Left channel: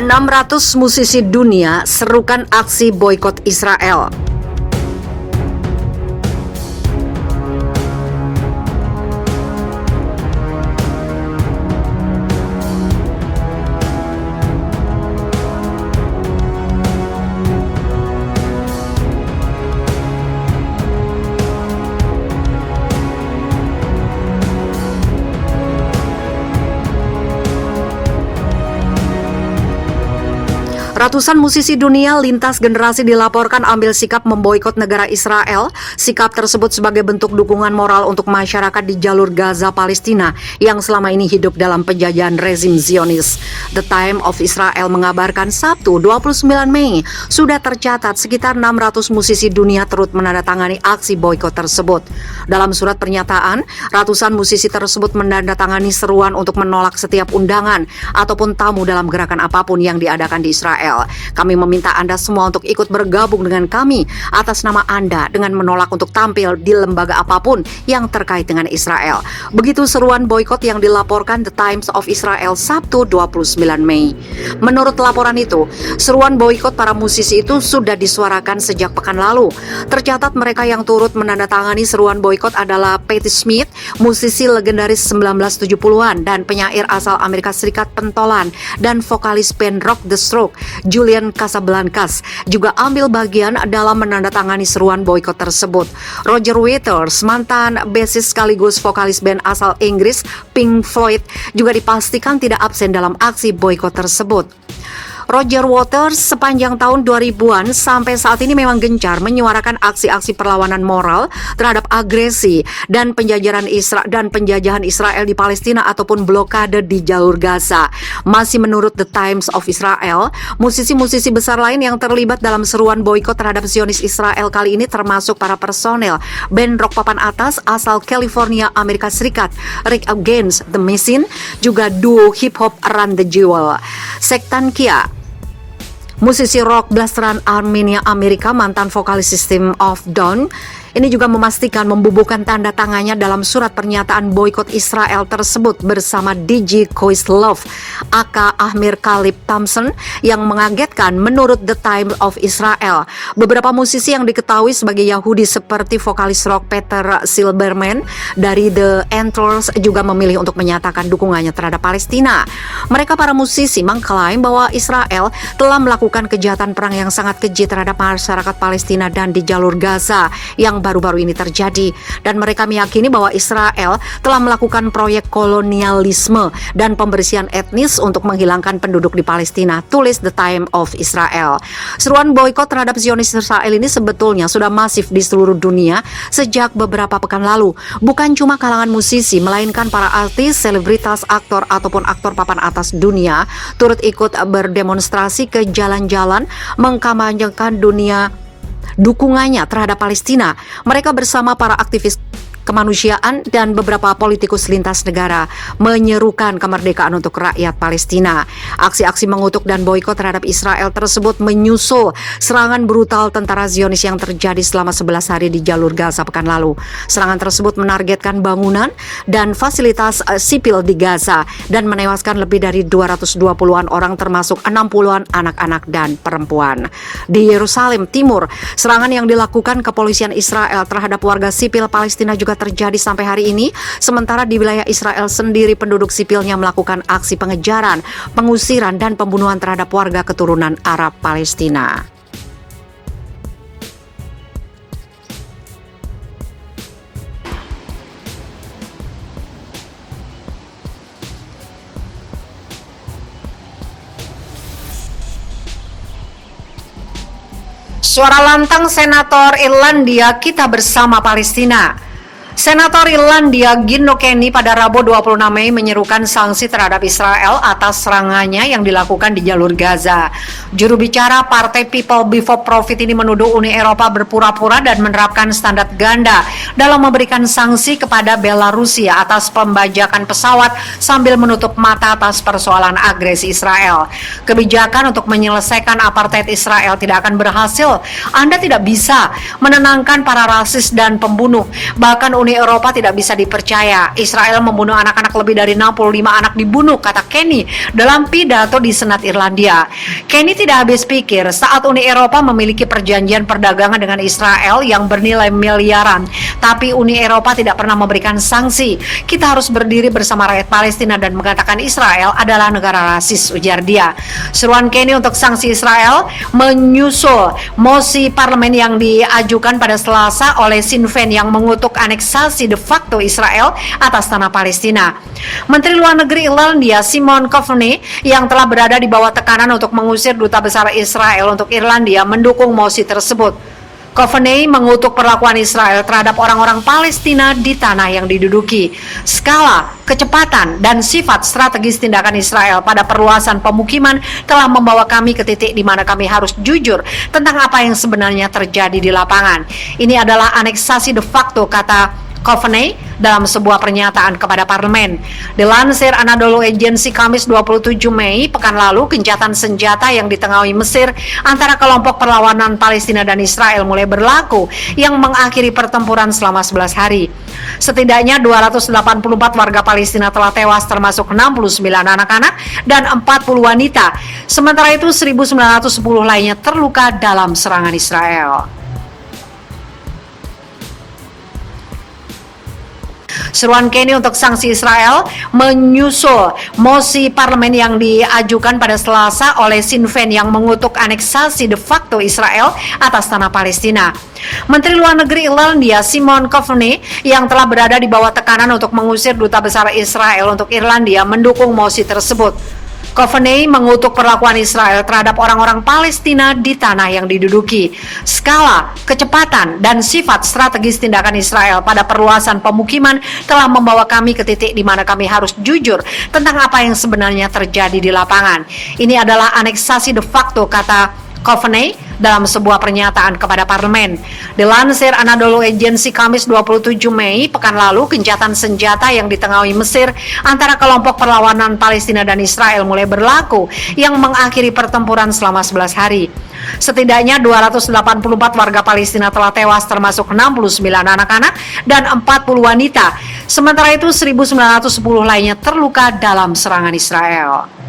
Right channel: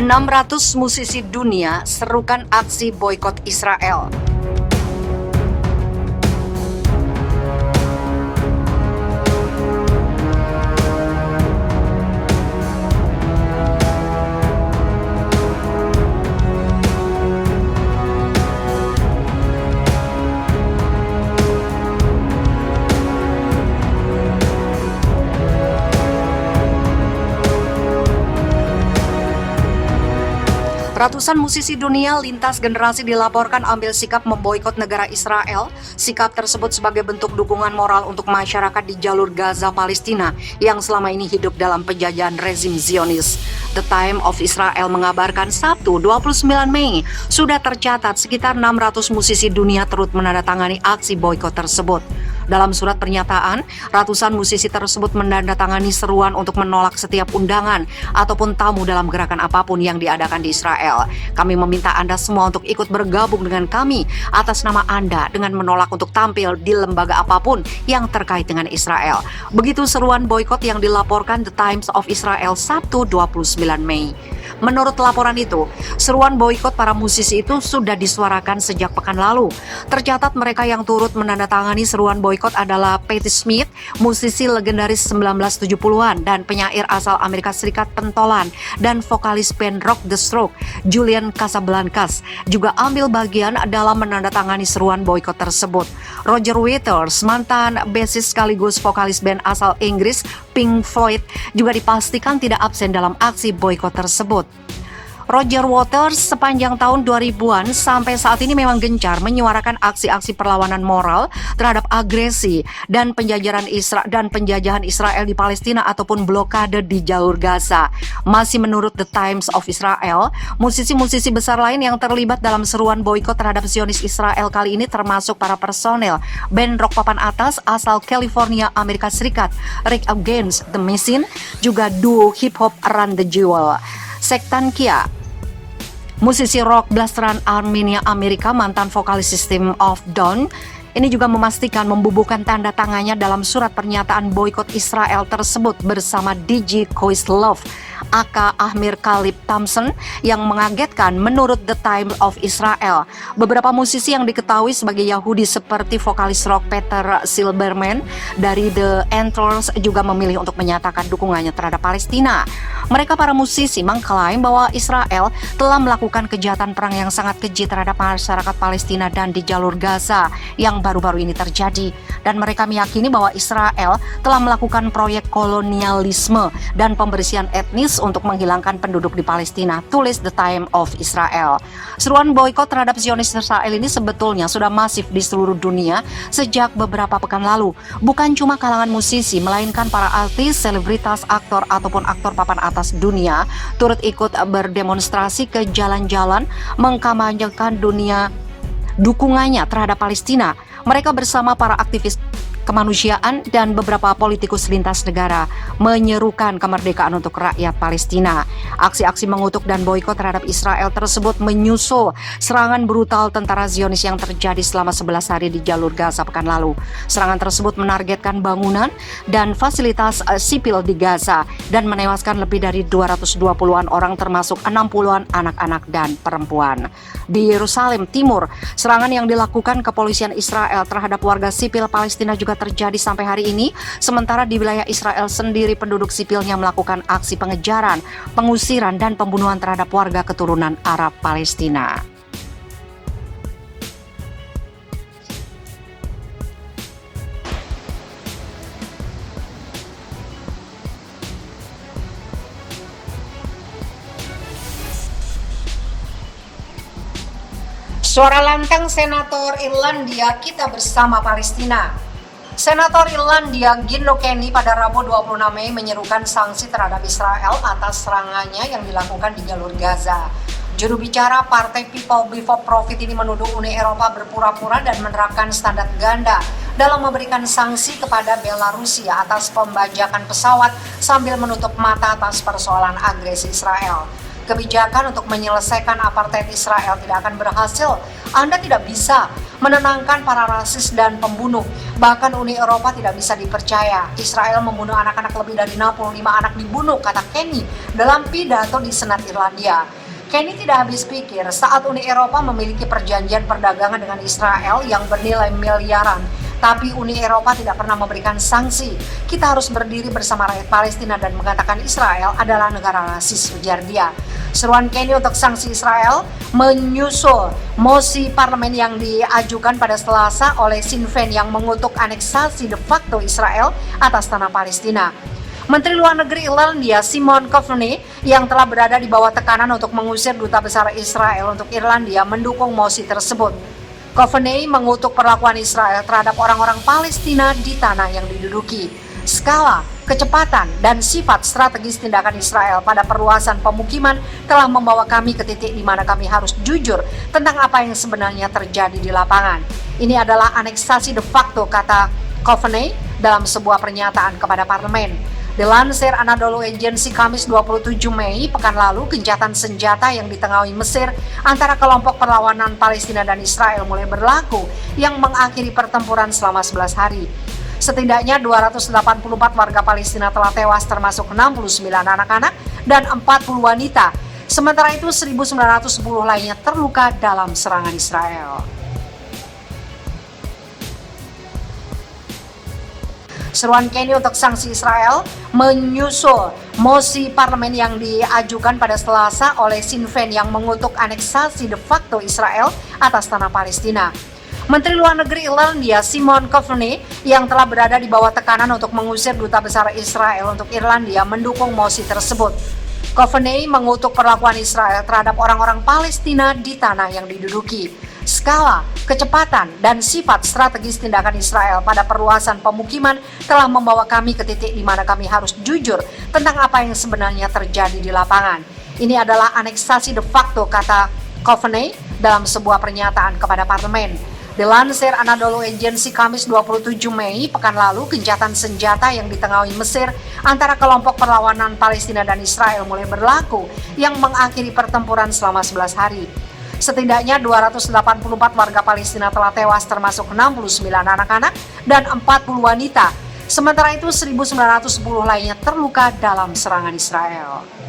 600 musisi dunia serukan aksi boikot Israel. Ratusan musisi dunia lintas generasi dilaporkan ambil sikap memboikot negara Israel. Sikap tersebut sebagai bentuk dukungan moral untuk masyarakat di jalur Gaza Palestina yang selama ini hidup dalam penjajahan rezim Zionis. The Time of Israel mengabarkan Sabtu 29 Mei sudah tercatat sekitar 600 musisi dunia turut menandatangani aksi boikot tersebut. Dalam surat pernyataan, ratusan musisi tersebut menandatangani seruan untuk menolak setiap undangan ataupun tamu dalam gerakan apapun yang diadakan di Israel. Kami meminta Anda semua untuk ikut bergabung dengan kami atas nama Anda dengan menolak untuk tampil di lembaga apapun yang terkait dengan Israel. Begitu seruan boikot yang dilaporkan The Times of Israel Sabtu 29 Mei. Menurut laporan itu, seruan boikot para musisi itu sudah disuarakan sejak pekan lalu. Tercatat mereka yang turut menandatangani seruan boikot adalah Patti Smith, musisi legendaris 1970-an dan penyair asal Amerika Serikat pentolan dan vokalis band rock The Strokes, Julian Casablancas, juga ambil bagian dalam menandatangani seruan boikot tersebut. Roger Waters, mantan bassist sekaligus vokalis band asal Inggris Pink Floyd, juga dipastikan tidak absen dalam aksi boikot tersebut. Roger Waters sepanjang tahun 2000-an sampai saat ini memang gencar menyuarakan aksi-aksi perlawanan moral terhadap agresi dan penjajahan Israel di Palestina ataupun blokade di jalur Gaza. Masih menurut The Times of Israel, musisi-musisi besar lain yang terlibat dalam seruan boikot terhadap Zionis Israel kali ini termasuk para personel band rock papan atas asal California, Amerika Serikat, Rage Against the Machine, juga duo hip hop Run the Jewel. Sektan Kia, musisi rock blasteran Armenia Amerika, mantan vokalis System of Down, ini juga memastikan membubuhkan tanda tangannya dalam surat pernyataan boikot Israel tersebut bersama DJ Questlove, aka Ahmir Kalib Thompson, yang mengagetkan menurut The Times of Israel. Beberapa musisi yang diketahui sebagai Yahudi seperti vokalis rock Peter Silberman dari The Antlers juga memilih untuk menyatakan dukungannya terhadap Palestina. Mereka para musisi mengklaim bahwa Israel telah melakukan kejahatan perang yang sangat keji terhadap masyarakat Palestina dan di jalur Gaza yang baru-baru ini terjadi, dan mereka meyakini bahwa Israel telah melakukan proyek kolonialisme dan pembersihan etnis untuk menghilangkan penduduk di Palestina, tulis The Times of Israel. Seruan boikot terhadap Zionis Israel ini sebetulnya sudah masif di seluruh dunia sejak beberapa pekan lalu. Bukan cuma kalangan musisi, melainkan para artis, selebritas, aktor ataupun aktor papan atas dunia turut ikut berdemonstrasi ke jalan-jalan mengkampanyekan dukungannya terhadap Palestina. Mereka bersama para aktivis kemanusiaan dan beberapa politikus lintas negara menyerukan kemerdekaan untuk rakyat Palestina. Aksi-aksi mengutuk dan boikot terhadap Israel tersebut menyusul serangan brutal tentara Zionis yang terjadi selama 11 hari di jalur Gaza pekan lalu. Serangan tersebut menargetkan bangunan dan fasilitas sipil di Gaza dan menewaskan lebih dari 220-an orang termasuk 60-an anak-anak dan perempuan. Di Yerusalem Timur, serangan yang dilakukan kepolisian Israel terhadap warga sipil Palestina juga terjadi sampai hari ini, sementara di wilayah Israel sendiri penduduk sipilnya melakukan aksi pengejaran, pengusiran dan pembunuhan terhadap warga keturunan Arab Palestina. Suara lantang Senator Irlandia, kita bersama Palestina. Senator Irlandia Gino Kenny pada Rabu 26 Mei menyerukan sanksi terhadap Israel atas serangannya yang dilakukan di jalur Gaza. Juru bicara Partai People Before Profit ini menuduh Uni Eropa berpura-pura dan menerapkan standar ganda dalam memberikan sanksi kepada Belarusia atas pembajakan pesawat sambil menutup mata atas persoalan agresi Israel. Kebijakan untuk menyelesaikan apartheid Israel tidak akan berhasil. Anda tidak bisa menenangkan para rasis dan pembunuh. Bahkan Uni Uni Eropa tidak bisa dipercaya. Israel membunuh anak-anak, lebih dari 65 anak dibunuh, kata Kenny dalam pidato di Senat Irlandia. Kenny tidak habis pikir saat Uni Eropa memiliki perjanjian perdagangan dengan Israel yang bernilai miliaran, tapi Uni Eropa tidak pernah memberikan sanksi. Kita harus berdiri bersama rakyat Palestina dan mengatakan Israel adalah negara rasis, ujar dia. Seruan Kenny untuk sanksi Israel menyusul mosi parlemen yang diajukan pada Selasa oleh Sinn Féin yang mengutuk aneksasi de facto Israel atas tanah Palestina. Menteri Luar Negeri Irlandia Simon Coveney yang telah berada di bawah tekanan untuk mengusir duta besar Israel untuk Irlandia mendukung mosi tersebut. Coveney mengutuk perlakuan Israel terhadap orang-orang Palestina di tanah yang diduduki. Skala, kecepatan, dan sifat strategis tindakan Israel pada perluasan pemukiman telah membawa kami ke titik di mana kami harus jujur tentang apa yang sebenarnya terjadi di lapangan. Ini adalah aneksasi de facto, kata Coveney dalam sebuah pernyataan kepada parlemen. Dilansir Anadolu Agency Kamis 27 Mei pekan lalu, gencatan senjata yang ditengahi Mesir antara kelompok perlawanan Palestina dan Israel mulai berlaku yang mengakhiri pertempuran selama 11 hari. Setidaknya 284 warga Palestina telah tewas, termasuk 69 anak-anak dan 40 wanita. Sementara itu 1910 lainnya terluka dalam serangan Israel. Seruan Kenny untuk sanksi Israel menyusul mosi parlemen yang diajukan pada Selasa oleh Sinn Féin yang mengutuk aneksasi de facto Israel atas tanah Palestina. Menteri Luar Negeri Irlandia Simon Coveney yang telah berada di bawah tekanan untuk mengusir duta besar Israel untuk Irlandia mendukung mosi tersebut. Coveney mengutuk perlakuan Israel terhadap orang-orang Palestina di tanah yang diduduki. Skala, kecepatan, dan sifat strategis tindakan Israel pada perluasan pemukiman telah membawa kami ke titik di mana kami harus jujur tentang apa yang sebenarnya terjadi di lapangan. Ini adalah aneksasi de facto, kata Coveney dalam sebuah pernyataan kepada parlemen. Dilansir Anadolu Agency Kamis 27 Mei pekan lalu, gencatan senjata yang ditengahi Mesir antara kelompok perlawanan Palestina dan Israel mulai berlaku yang mengakhiri pertempuran selama 11 hari. Setidaknya 284 warga Palestina telah tewas, termasuk 69 anak-anak dan 40 wanita. Sementara itu 1910 lainnya terluka dalam serangan Israel.